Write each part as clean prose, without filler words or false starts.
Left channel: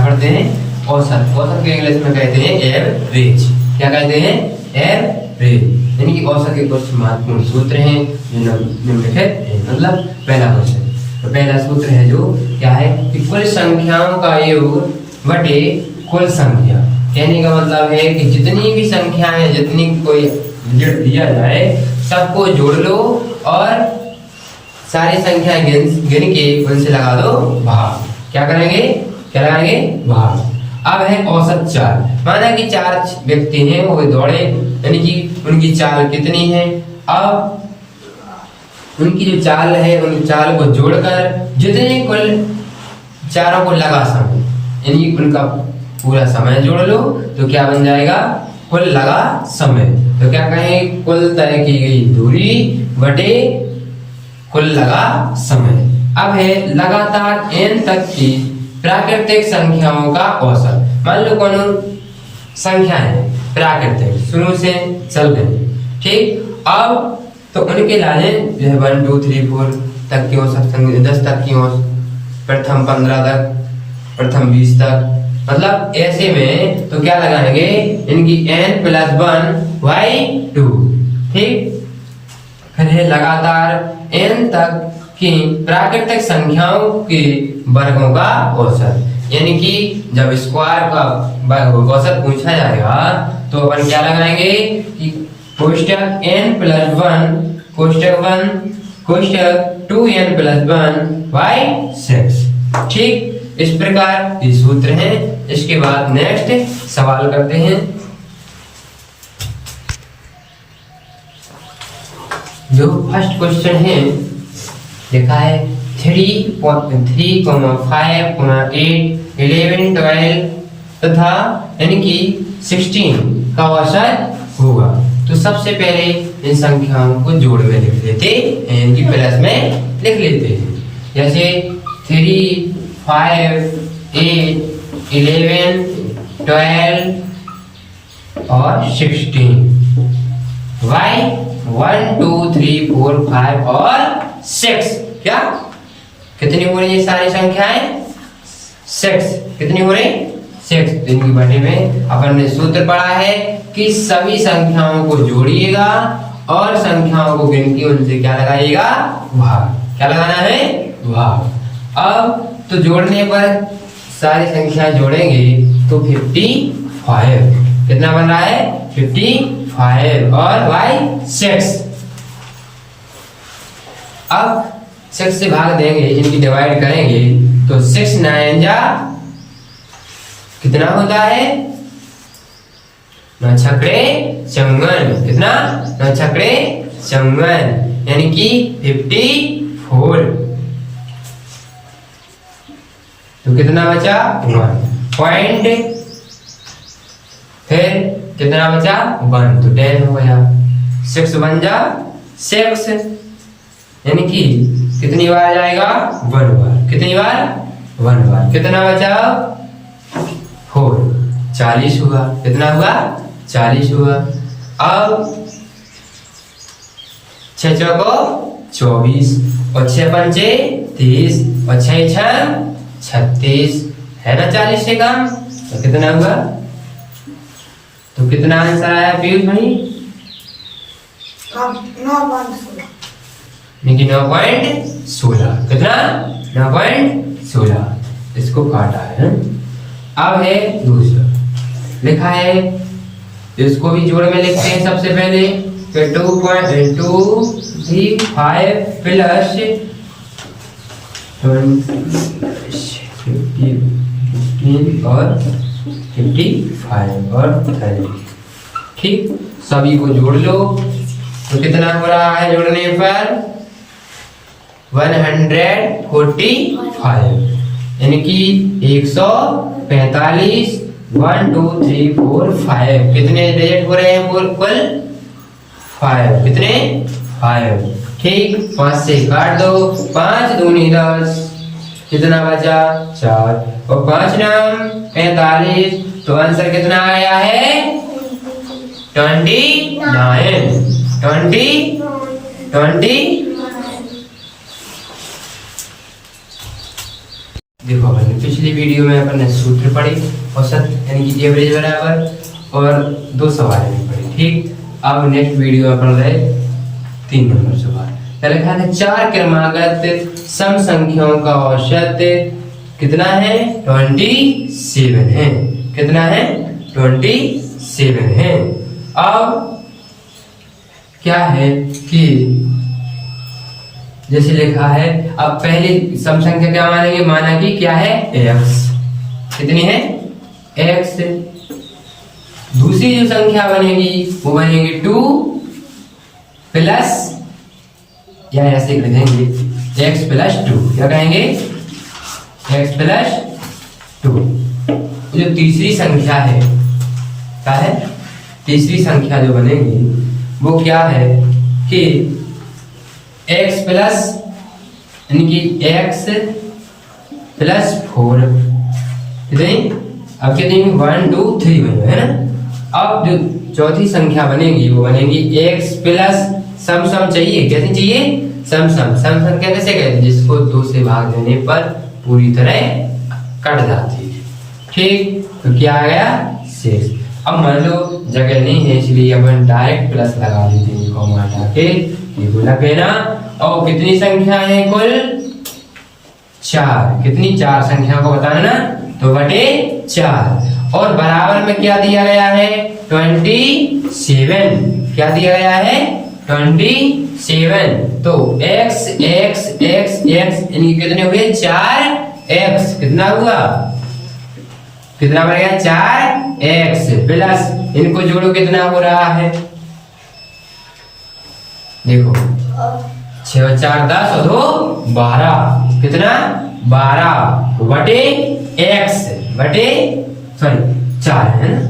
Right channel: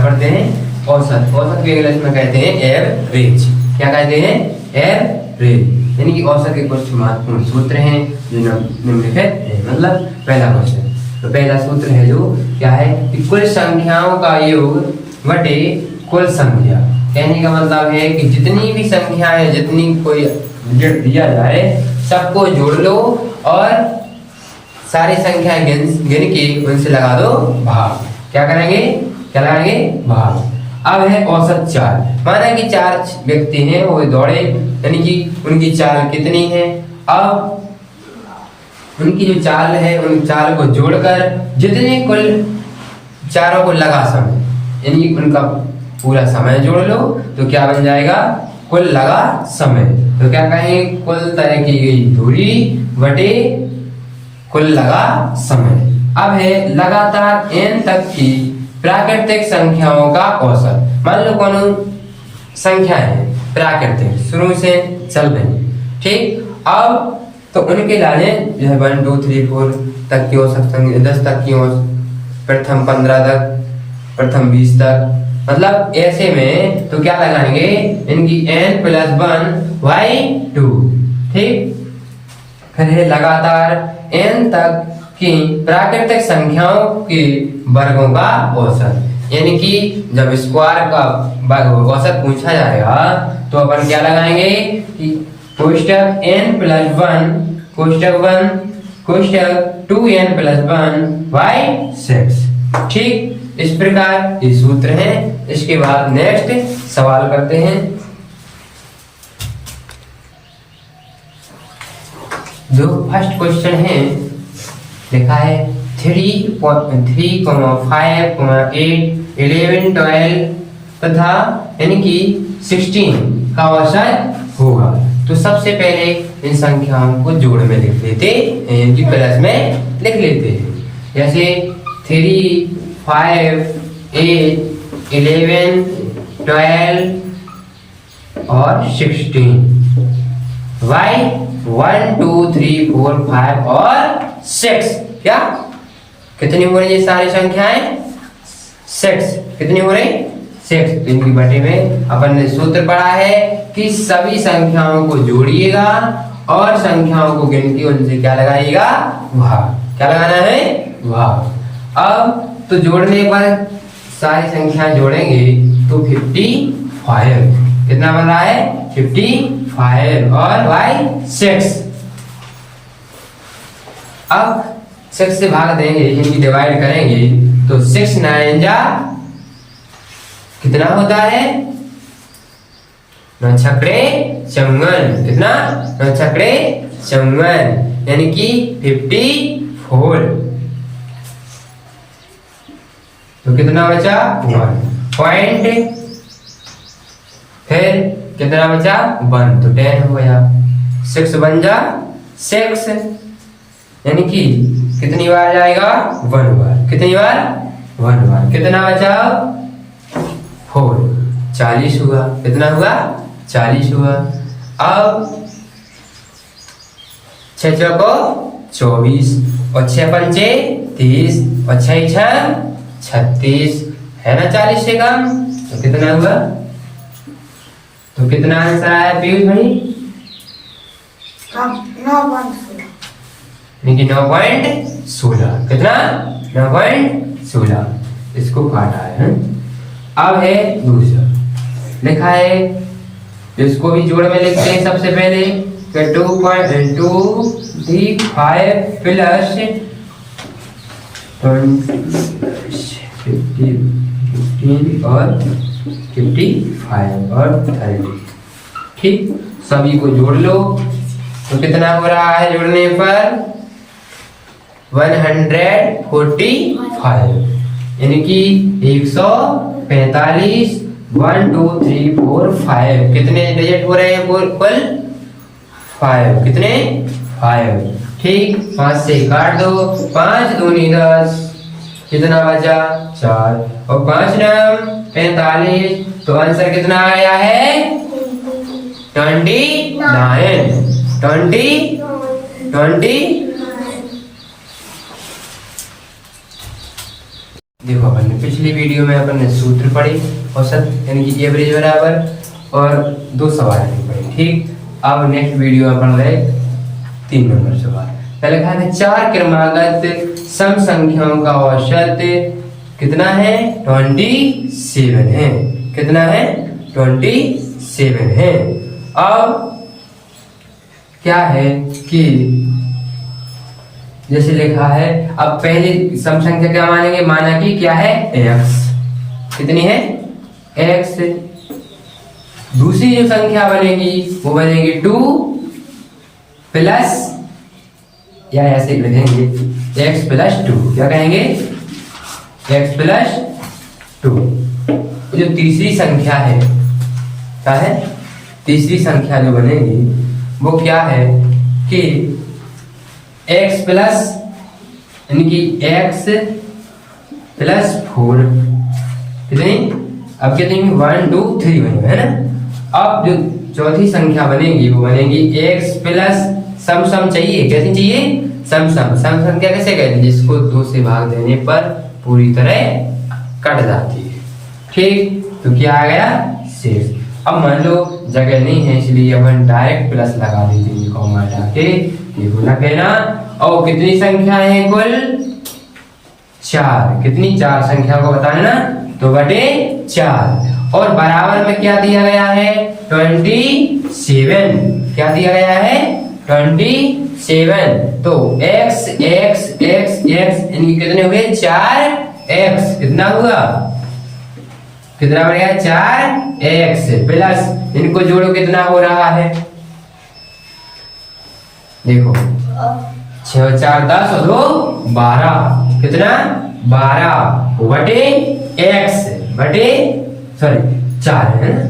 पढ़ते हैं औसत। औसत को इंग्लिश में कहते हैं एवरेज। क्या कहते हैं? एवरेज। यानी कि औसत के कुछ महत्वपूर्ण सूत्र हैं जो निम्नलिखित हैं। मतलब पहला क्वेश्चन, तो पहला सूत्र है जो क्या है कि कुल संख्याओं का योग बटे कुल संख्या। कहने का मतलब है कि जितनी भी संख्याएं, जितनी कोई डिजिट दिया जाए सबको जोड़ लो और सारी संख्या गिन के उनसे लगा दो भाग। क्या करेंगे? क्या लगाएंगे? भाग। अब है औसत चाल। माना कि 4 व्यक्ति हैं, वो दौड़े, यानी कि उनकी चाल कितनी है। अब उनकी जो चाल है उन चाल को जोड़कर जितने कुल चारों को लगा समय, यानी उनका पूरा समय जोड़ लो तो क्या बन जाएगा? कुल लगा समय। तो क्या कहेंगे? कुल तय की गई दूरी बटे कुल लगा समय। अब है लगातार n तक की प्राकृतिक संख्याओं का औसत। मान लो कौन संख्या है प्राकृतिक, शुरू से चल रही, ठीक। अब तो उनके लाने जो है 1 2 3 4 तक की औसत संख्या, 10 तक की औसत, प्रथम 15 तक, प्रथम 20 तक, मतलब ऐसे में तो क्या लगाएंगे? इनकी n+1/2, ठीक। फिर है लगातार n तक की प्राकृतिक संख्याओं के वर्गों का औसत। यानी कि जब स्क्वायर का औसत पूछा जाएगा तो अपन क्या लगाएंगे कि कोष्टक n+1 कोष्टक 1 कोष्टक 2n+1/6, ठीक। इस प्रकार ये सूत्र हैं। इसके बाद नेक्स्ट सवाल करते हैं। जो फर्स्ट क्वेश्चन है लिखा है 3, 5, 8, 11, 12 तथा यानी कि 16 का औसत होगा। तो सबसे पहले इन संख्याओं को जोड़ में लिख लेते हैं, इनकी प्लस में लिख लेते हैं। जैसे 3, 5, 8, 11, 12 और 16। वाई 1 2 3 4 5 और 6। क्या कितनी हो रही है सारी संख्याएं? 6। कितनी हो रही? 6। तो इनकी बटे में अपन ने सूत्र पढ़ा है कि सभी संख्याओं को जोड़िएगा और संख्याओं को गिन के उनसे क्या लगाइएगा? भाग। क्या लगाना है? भाग। अब तो जोड़ने पर सारी संख्याएं जोड़ेंगे तो 55। कितना बन रहा है? 55 और y 6। अब 6 से भाग देंगे, इनकी डिवाइड करेंगे तो 6 9 जा कितना होता है? 9 छक्के 54। कितना? 9 छक्के 54, यानी कि 54। तो कितना बचा? 1 पॉइंट। फिर कितना बचा? 1, तो 10 हो गया। 6 बन जा 6, यानी कि कितनी बार जाएगा? 1 बार। कितनी बार? 1 बार। कितना बचा? 4, 40 हुआ। कितना हुआ? 40 हुआ। अब 6 चौको 24 और 6 पंचे 30 और 6 6 36, है ना 40 से कम। तो कितना हुआ? तो कितना आंसर आया पीयूष भाई? 9.16। कितना? 9.16। इसको काटा है। अब है दूसरा लिखा है, इसको भी जोड़ में लिखते हैं सबसे पहले। 2.2 5 प्लस 15 और 55 और 30, ठीक। सभी को जोड़ लो तो कितना हो रहा है जोड़ने पर? 145, यानी कि 145। 1 2 3 4 5 कितने डिजिट हो रहे हैं? कुल 5। कितने? 5, ठीक। 5 से काट दो, 5 दूनी 10, कितना बचा? 4 और 5 नाम 45। तो आंसर कितना आया है? 29। देखो अपन ने पिछली वीडियो में अपन ने सूत्र पढ़े औसत यानी कि एवरेज बराबर और 2 सवाल भी पढ़े। ठीक, अब नेक्स्ट वीडियो में अपन रहे 3 नंबर सवाल। लिखा है 4 क्रमागत सम संख्याओं का औसत कितना है 27 है। कितना है 27 है। अब क्या है कि जैसे लिखा है, अब पहले सम संख्या क्या मानेंगे, माना कि क्या है x, कितनी है x। दूसरी जो संख्या बनेगी वो बनेगी 2 प्लस, या ऐसे लिखेंगे x प्लस 2, क्या कहेंगे x प्लस 2। जो तीसरी संख्या है क्या है, तीसरी संख्या जो बनेगी वो क्या है कि x प्लस यानी कि x प्लस 4 कितनी, अब कितनी 1 2 3 बने है ना। अब जो चौथी संख्या बनेगी वो बनेगी x प्लस सम सम चाहिए, कैसी चाहिए सम सम। सम संख्या कैसे कहते हैं, जिसको 2 से भाग देने पर पूरी तरह कट जाती है। ठीक, तो क्या आ गया 6। अब मान लो जगह नहीं है इसलिए अपन डायरेक्ट प्लस लगा देते हैं, कॉमा हटा के ये गुना कहना। और कितनी संख्या है कुल 4, कितनी 4 संख्या को बताना ना, तो बटे 4। और बराबर में क्या दिया गया है 27, क्या दिया गया है 27। तो x x x x इनकी कितने हुए 4x, कितना हुआ, कितना बनेगा 4x प्लस इनको जोड़ो कितना हो रहा है, देखो 6 4 10 और 2 12, कितना 12 बटे x बटे सॉरी 4 है ना,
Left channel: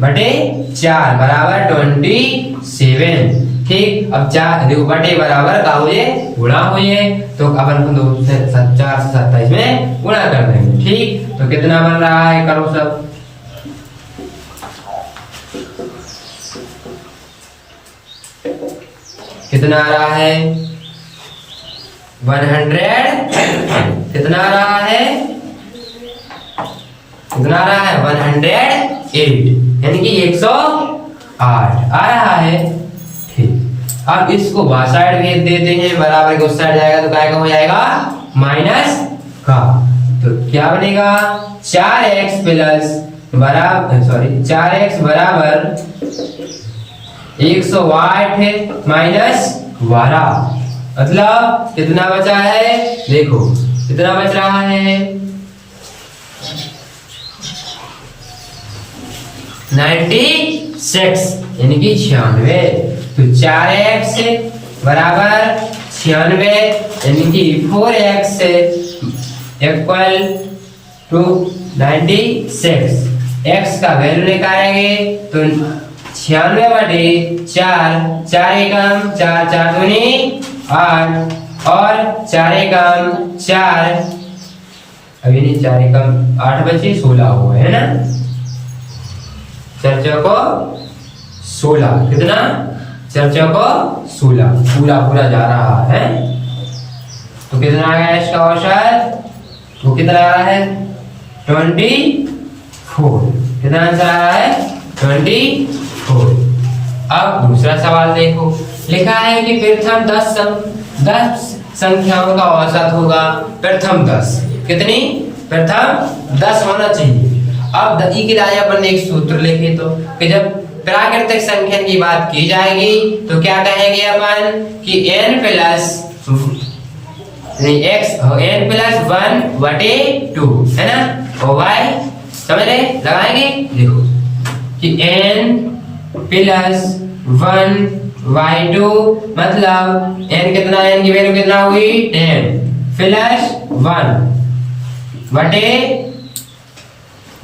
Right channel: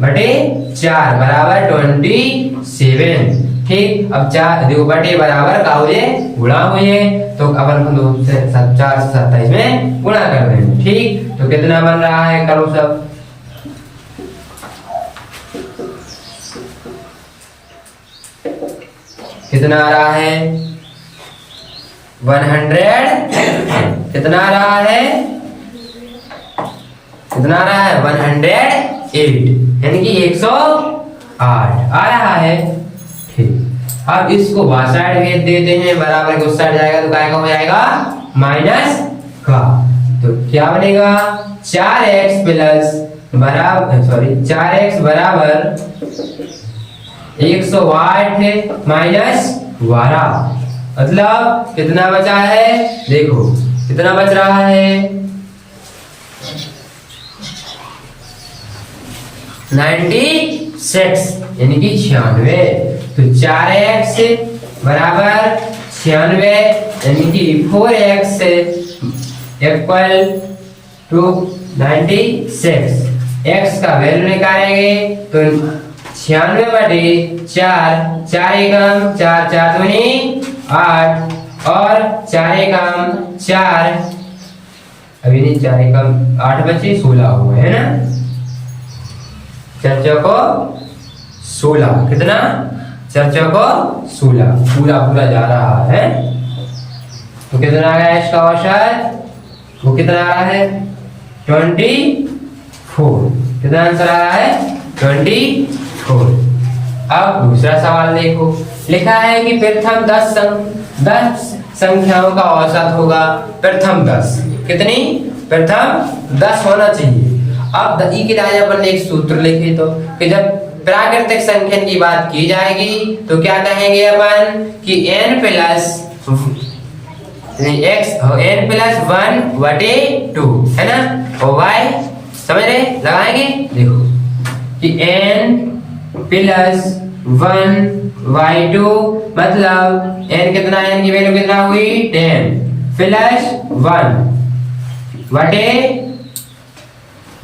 बटे 4 बराबर 27। ठीक, अब 4 देखो बटे बराबर का हो ये गुणा हो ये, तो अपन को 2 से 4 से 27 में गुणा कर देंगे। ठीक, तो कितना बन रहा है करो सब, कितना आ रहा है 100, कितना आ रहा है, कितना आ रहा है 108 यानी कि 108 आ रहा है। ठीक, अब इसको बाहर साइड भेज देते हैं, बराबर के उस साइड जाएगा तो काय का हो जाएगा माइनस का, तो क्या बनेगा 4x प्लस बराबर सॉरी 4x बराबर 108 माइनस 12, मतलब कितना बचा है, देखो कितना बच रहा है 96 यानी कि 96। तो 4x बराबर 96 यानी कि 4x इक्वल टू 96। x का वैल्यू निकालेंगे तो 96 बटे 4, 4 एकम 4 4 दूनी 8 और 4 एकम 4, अभी नहीं 4 एकम 8 बचे 16 हुए है ना, 4 चौको 16, कितना 4 चौको 16, पूरा पूरा जा रहा है। तो कितना आ गया इसका औसत, वो कितना आ रहा है 24, कितना आंसर आ रहा है 24। अब दूसरा सवाल देखो, लिखा है कि प्रथम 10 संख्याओं का औसत होगा प्रथम 10, कितनी प्रथम 10 होना चाहिए। अब ई के लिए अपन ने एक सूत्र लिखे, तो कि जब प्राकृतिक संख्या की बात की जाएगी तो क्या कहेंगे अपन कि n प्लस n प्लस 1 बटे 2 है ना, और y समझ रहे लगाएंगे, देखो कि n प्लस 1 y2 मतलब n कितना, n की वैल्यू कितना हुई 10 प्लस 1 बटे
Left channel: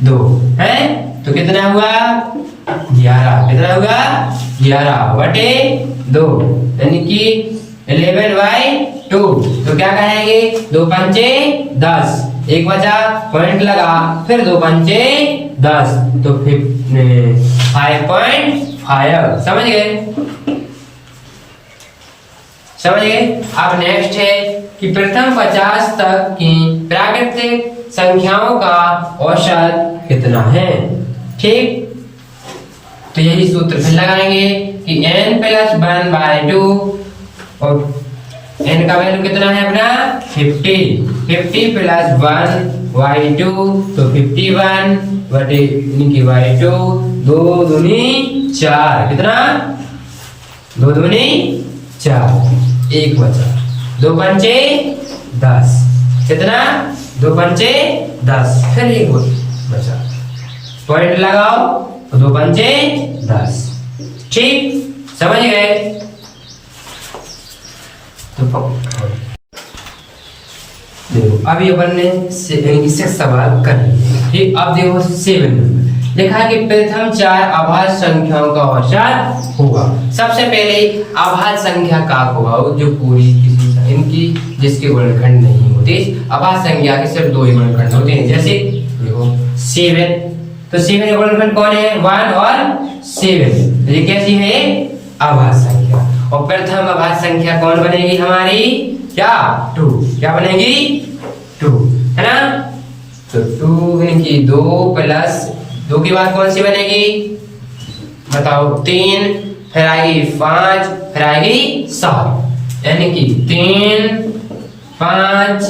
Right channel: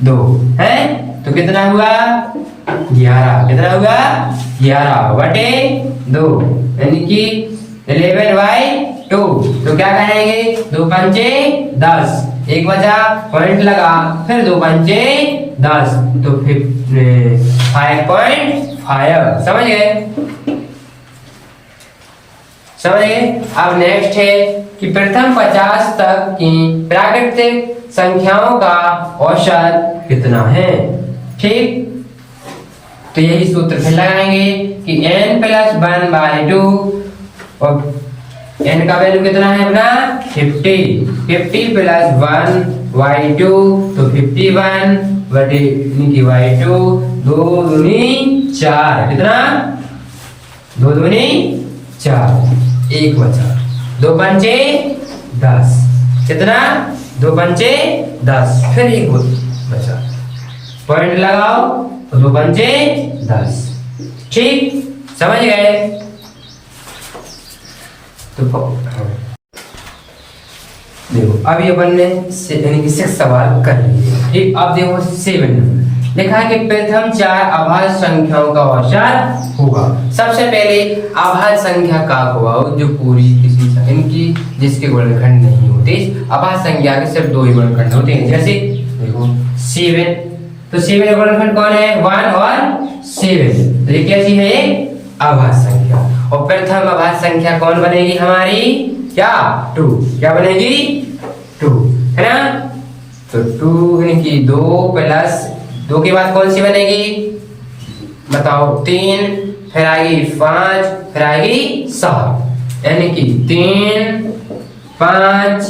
2 है, तो कितना हुआ 11, कितना हुआ 11 बटे 2 यानी कि 11/2। तो क्या कहेंगे 2 पंचे 10, एक बचा पॉइंट लगा, फिर 2 पंचे 10, तो 5.5 समझ गए, समझ गए। अब नेक्स्ट है कि प्रथम 50 तक की प्राकृतिक संख्याओं का औसत कितना है। ठीक, तो यही सूत्र फिर लगाएंगे कि n + 1/2 और n का वैल्यू कितना है अपना 50 + 1/2 तो 51/2 2 दूनी 4 कितना 2 दूनी 4 1 बचा 2 पंचे 10 कितना 2 पंचे 10 फिर 1 बचा पॉइंट लगाओ 2 पंचे 10। ठीक, समझ गए। तो देखो अभी अपन ने 6 सवाल कर लिए। ठीक, अब देखो 7 लिखा है कि प्रथम 4 अभाज्य संख्याओं का औसत होगा। सबसे पहले अभाज्य संख्या का होगा जो पूरी किसी इनकी जिसके गुणनखंड नहीं होते। अभाज्य संख्या के सिर्फ 2 ही गुणनखंड होते हैं। जैसे देखो 7, तो 7 का गुणनखंड कौन है 1 और 7, तो ये कैसी है अभाज्य संख्या। और प्रथम अभाज्य संख्या कौन बनेगी हमारी क्या 2, क्या बनेगी 2 है ना। तो 2 की 2 + 2 के बाद कौन सी बनेगी बताओ 3, फिर आएगी 5, फिर आएगी 7, यानी कि 3 5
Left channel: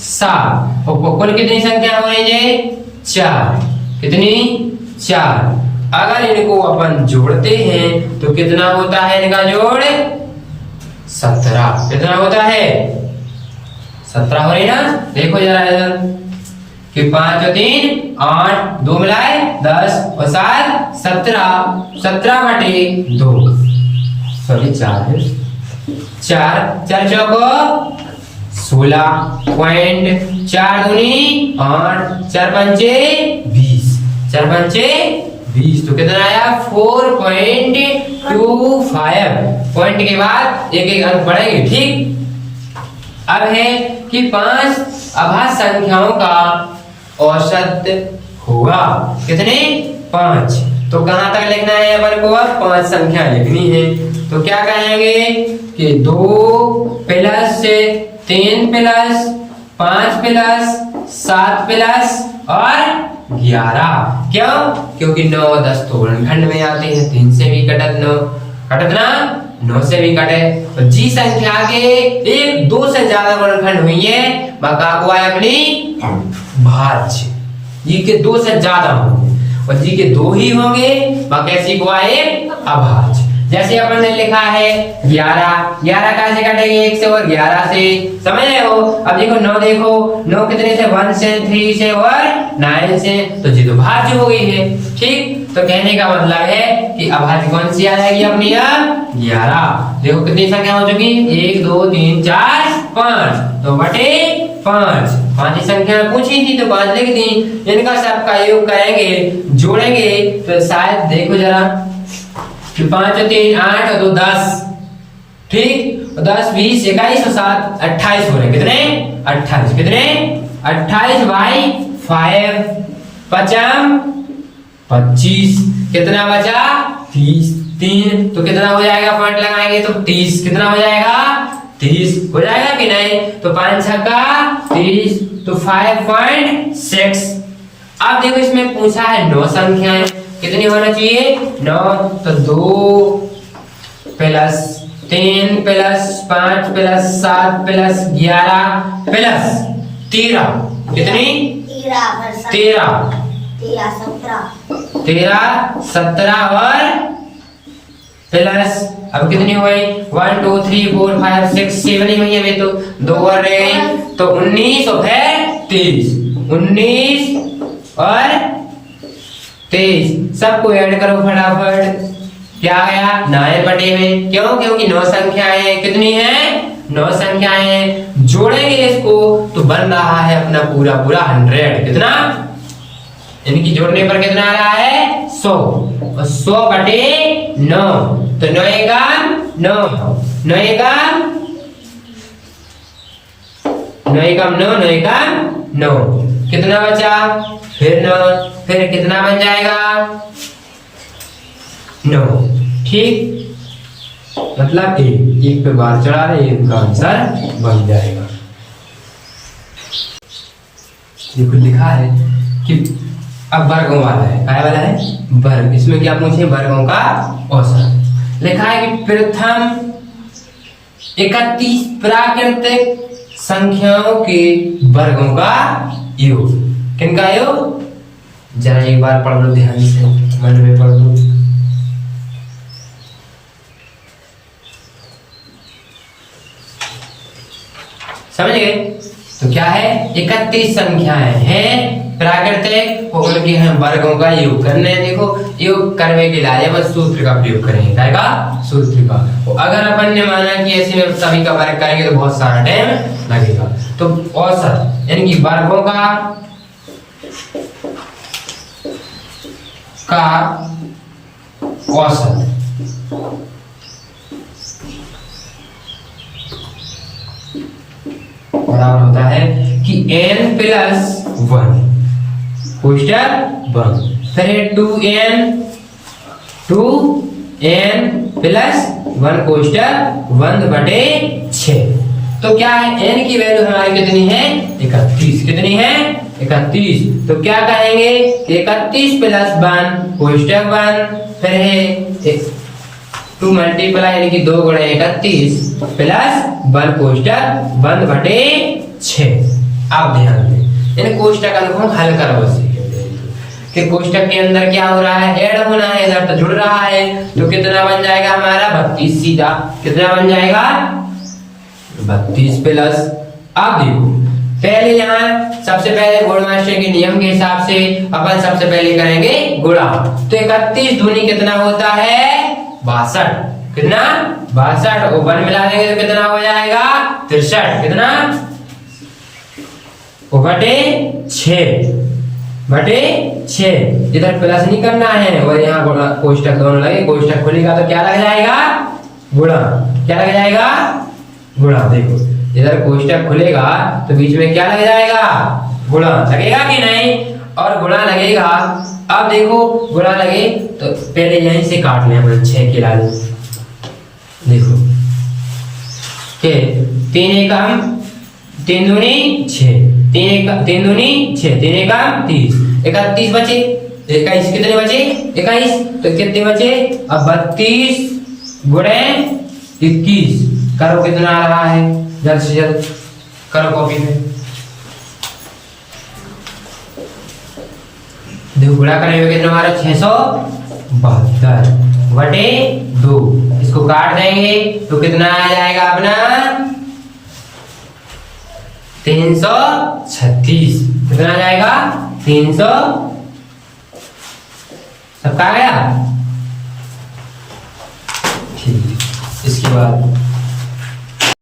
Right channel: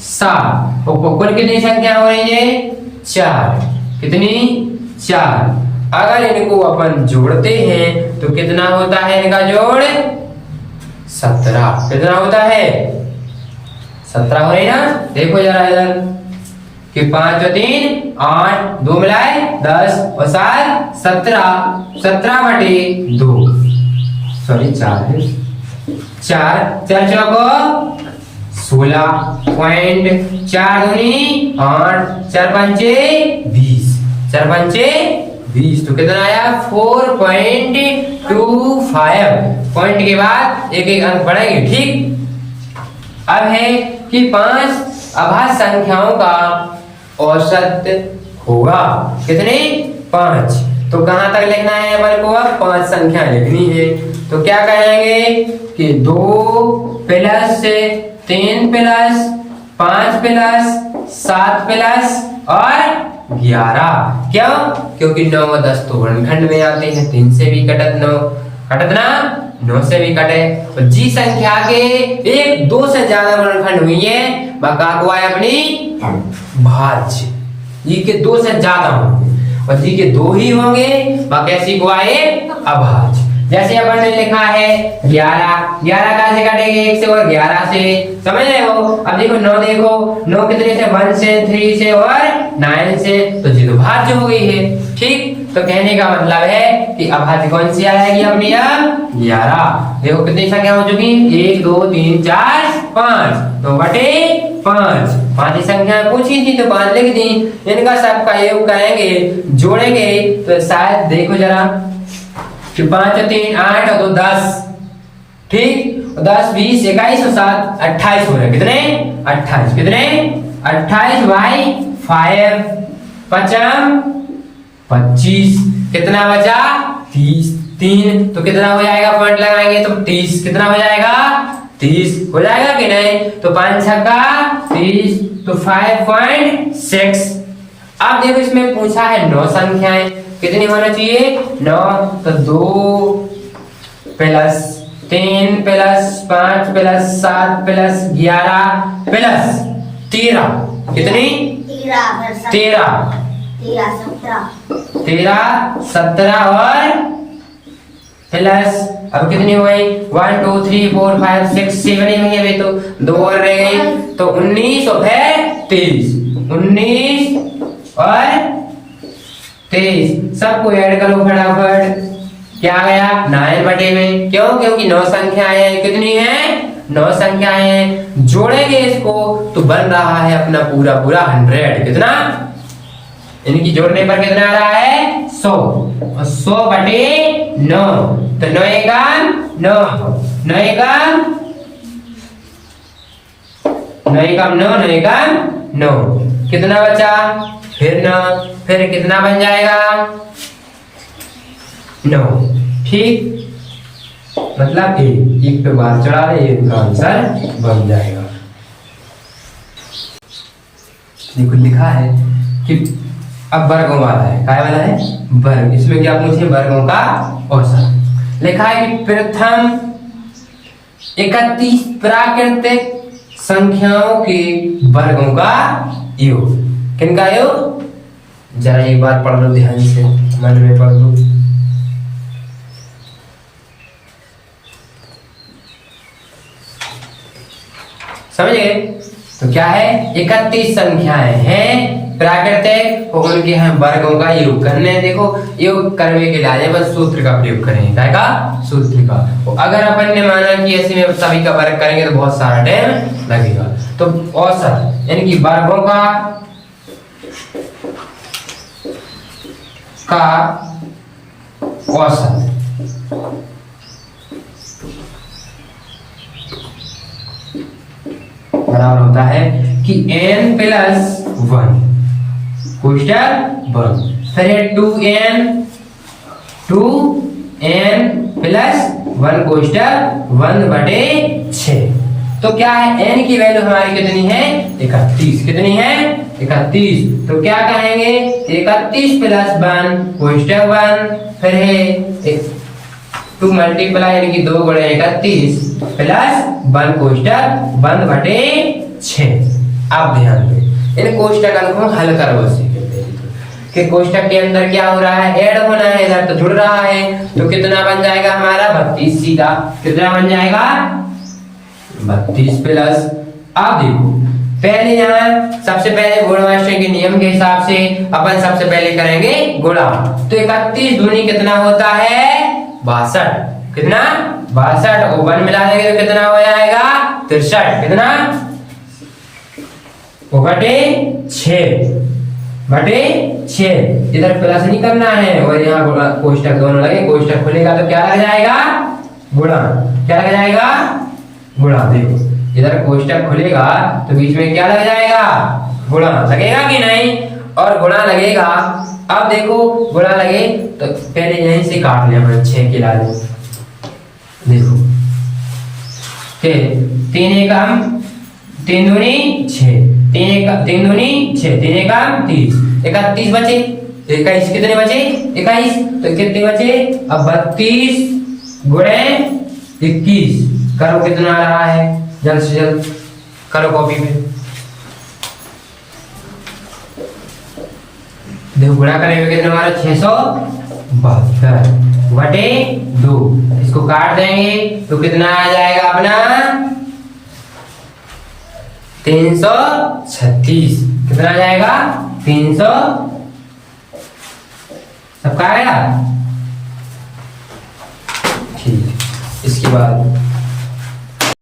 7 और कुल कितनी संख्या हो रही है 4, कितनी 4। अगर इनको अपन जोड़ते हैं तो कितना होता है इनका जोड़ 17, कितना होता है 17 हो रही ना। देखो जरा इधर कि 5 और 3 8 2 मिलाए 10 और 7 17 17/2 सॉरी 4 4 चौको 16 पॉइंट 4 दूनी 8 4 पंचे 20 4 पंचे 20 तो कितना आया 4.25 पॉइंट के बाद एक एक अंक बढ़ेंगे। ठीक, अब है कि 5 अभाज्य संख्याओं का औसत होगा कितने 5। तो कहां तक लिखना है अपन को 5 संख्या लिखनी है। तो क्या कहेंगे कि 2 + 3 + 5 + 7 + और 11 क्यों क्योंकि 9 10 तो गुणनखंड में आते हैं। 3 से भी कटत 9 कटत ना 9 से भी कटे। और जी संख्या के 1 2 से ज्यादा गुणनखंड हुई है बाका को आए अपनी भाज्य। जी के 2 से ज्यादा होंगे और जी के 2 ही होंगे कैसी को आए अभाज्य। जैसे अपन ने लिखा है 11 कहां से कटेगी 1 से और 11 से समझ रहे हो। अब देखो 9 देखो 9 कितने से 1 से 3 से और 9 से तो जी तो भाज्य हो गई है। ठीक, तो कहने का मतलब है कि अभाज्य कौन सी आएगी अपनी 11। देखो कितनी संख्या हो चुकी 1 2 3 4 5 तो बटे 5 ही संख्या पूछी थी तो 5 लिख दी। इनका सबका योग करेंगे जोड़ेंगे तो शायद देखो जरा कि 5 और 3 8 और 2 10। ठीक, 10 20 21 और 7 28 हो रहे कितने 28 कितने 28/5 55 25 कितना बचा 30 3 तो कितना हो जाएगा पॉइंट लगाएंगे तो 30 कितना हो जाएगा 30 हो जाएगा कि नहीं। तो 5 छक्का 30 तो 5.6। अब देखो इसमें पूछा है 9 संख्याएं कितनी होना चाहिए 9 तो 2 + 3 + 5 + 7 + 11 + 13 कितनी 13 17 और प्लस अब कितनी हुई 1 2 3 4 5 6 7 ही हुई अभी तो 2 और रह गई तो 19 और फिर 23 19 और 23 सबको ऐड करो फटाफट क्या गया 9/में। क्यों क्योंकि 9 संख्याएं कितनी है 9 संख्याएं जोड़ेंगे इसको तो बन रहा है अपना पूरा 100 कितना इनकी जोड़ने पर कितना आ रहा है 100 और 100/9 तो 9 एकम 9 9 एकम 9 कितना बचा फिर 9 फिर कितना बन जाएगा 9। ठीक मतलब एक पे बार चढ़ा दे इनका आंसर बन जाएगा। देखो लिखा है कि अब वर्गों वाला है, काय वाला है, वर्ग। इसमें क्या पूछे, वर्गों का औसत। लिखा है कि प्रथम 31 प्राकृतिक संख्याओं के वर्गों का योग। किनका योग, जरा एक बार पढ़ लो ध्यान से, मन में पढ़ लो। समझ गए? तो क्या है, 31 संख्याएं हैं प्राकृतिक और उनके हम वर्गों का योग करने हैं। देखो योग करने के लिए बस सूत्र का प्रयोग करेंगे, क्या का, सूत्र का। तो अगर अपन ने माना कि ऐसे में सभी का वर्ग करेंगे तो बहुत सारा टाइम लगेगा। तो औसत यानी कि वर्गों का औसत बराबर होता है कि n प्लस 1 कोष्टक 1, फिर 2n प्लस 1 कोष्टक 1/6। तो क्या है, n की वैल्यू हमारी कितनी है, 31। कितनी है, 31। तो क्या कहेंगे, 31 प्लस 1 कोष्टक 1, फिर है 2 मल्टीप्लाई यानी कि 2 गुणे 31 प्लस 1 कोष्टक 1/6। अब ध्यान दें, इन कोष्टकों को हल करो कि कोष्टक के अंदर क्या हो रहा है, ऐड होना है, इधर तो जुड़ रहा है। तो कितना बन जाएगा हमारा 32 सीधा। कितना बन जाएगा 32 प्लस, अब देखो पहले यहाँ सबसे पहले गुणा मास्टर के नियम के हिसाब से अपन सबसे पहले करेंगे गुणा। तो 31 दूनी कितना होता है 62। कितना 62 और 1 मिला देंगे तो कितना हो जाएगा 63। कितना 6/6। इधर प्लस नहीं करना है और यहाँ गुणा कोष्टक दोनों लगे, कोष्टक खुलेगा तो क्या लग जाएगा गुणा। क्या लग जाएगा गुणा। देखो इधर कोष्टक खुलेगा तो बीच में क्या लग जाएगा गुणा। लगेगा कि नहीं, और गुणा लगेगा। अब देखो गुणा लगे तो पहले यहीं से काट ले हमें 6 के लाल। देखो के 3 एकम 3 दूनी 6, 3 दूनी 6, 3 एकम 30, 31 बचे, 21 कितने बचे 21। तो कितने बचे अब 32 गुणे 21। करो कितना आ रहा है, जल्द से जल्द करो कॉपी पे। देखो गुणा करेंगे कितना हमारा 672 बटे 2। इसको काट देंगे तो कितना आ जाएगा अपना 336। कितना आ जाएगा 300। सबका आ गया ठीक। इसके बाद